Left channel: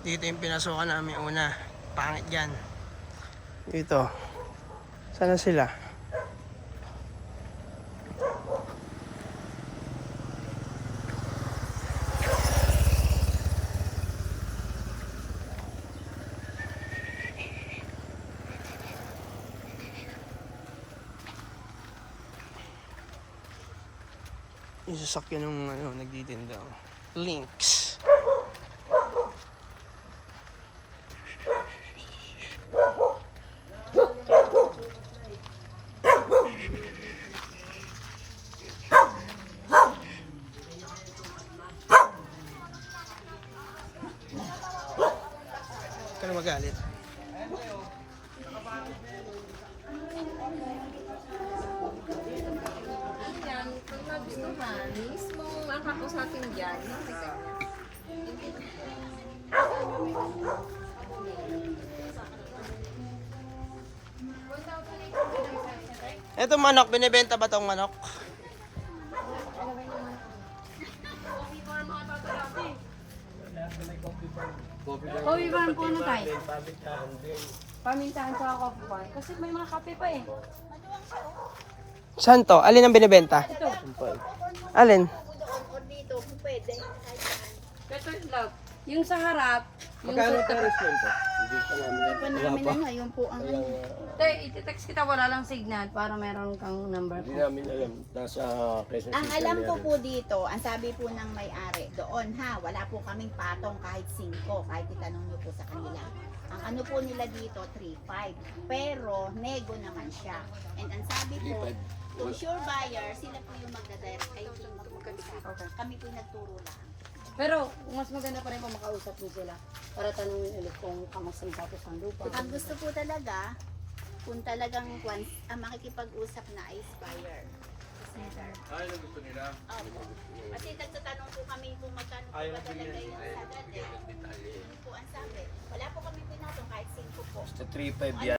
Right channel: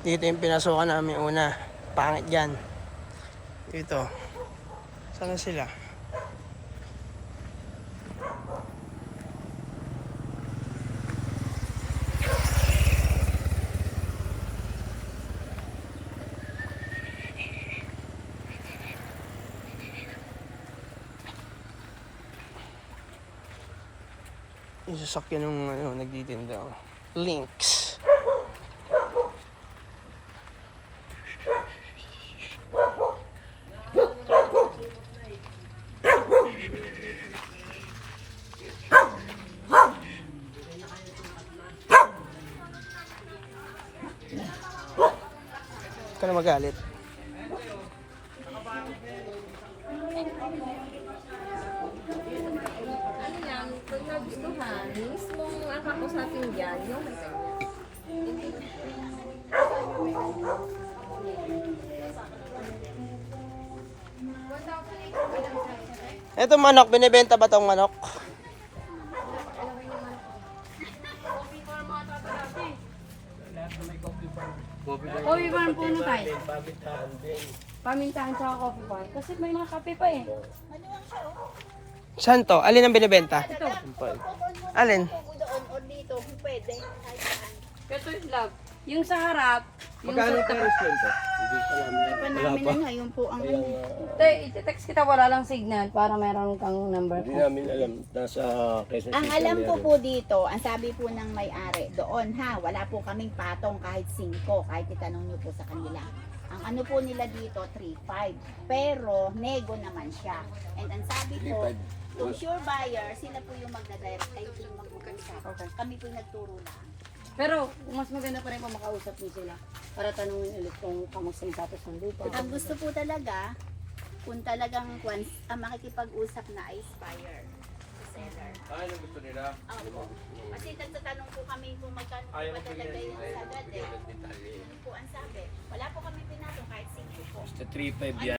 Dito yung pinasukan namin una. Pangit yan. Dito. Sana sila? Yung sasakyan ng nagtitinda. Links. Ka na magalit. Pag nagustuhan, mismong ang kakusapin dyan. Ito manok, binibenta ba tong manok? Coffee farm po na tayo. Pamintahan sa coffee farm. Kasi may mga kape pa eh. Saan to? Alin ang binibenta? Ito. Alin? Ito yung vlog. Yung sa harap, yung sa tabi. Hindi pa namin ano, yun po ang Ito, iti-text kita, wala lang signal para meron kang number Hindi ko. namin alam. Nasa Quezon ang City alam ko meron. po dito, ang sabi po ng may-ari, doon ha, wala po kaming patong kahit 5, kahit itanong nyo po sa kanila. Ang ano po nila dito, 3.5. Pero, nego naman siya. And ang sabi po, yung sure buyer, sila po yung magda-direct. Ay, yung mag-usap. Kami po yung nagturo lang. Pero, mas maganda pa rin kung makausap mo sila para tanungin ulit kung kamusta yung status ng lupa. Ang gusto po talaga, kung talagang once ang makikipag-usap na ay buyer. Seller. Ano gusto nila? Opo. Kasi nagtatanong po kami kung magkano ba talaga yung sa dati. Po ang sabi. Wala po kami pinatong kahit 5 po. Sa 3.5 yan.